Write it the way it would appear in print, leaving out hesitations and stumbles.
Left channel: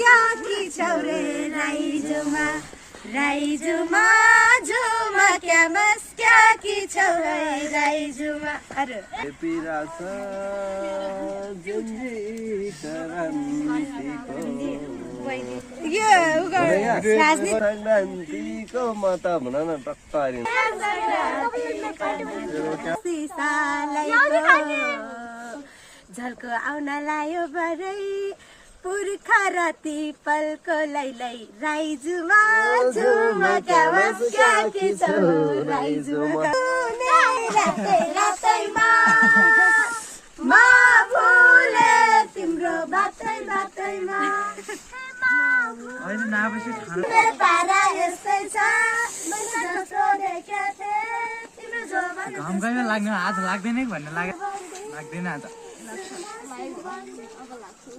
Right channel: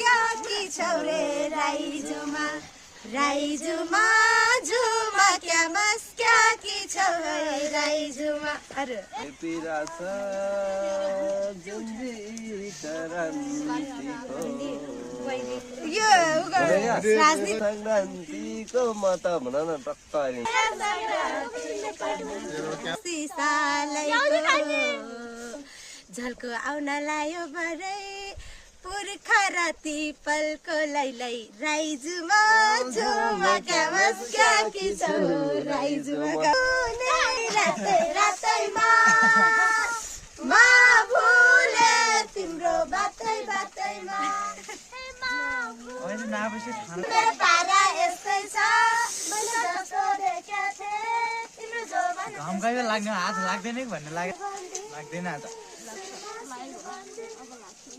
क्या कि छौ रे राइजुमा राइजुमा जुमा क्या मस क्या कि छौ रे राइजुमा अरे पिरास जुन्जी करन्तीको यो राजनीतिको म त भन न टक्क हारिन झल्को आउन लायो बरै पुर्खा राति पलको लैलै राइजुमा जुमा क्या मस क्या कि छौ राइजुमा रातै रातैमा मा फुले तिम्रो बातै बातैमा पारा यस्तै छ मैले जस्तो देखेको थिएँ तिम्रो जोबन घाम गयो लाग्दैन आज लाग्दैन भन्ने लाग्दैन आज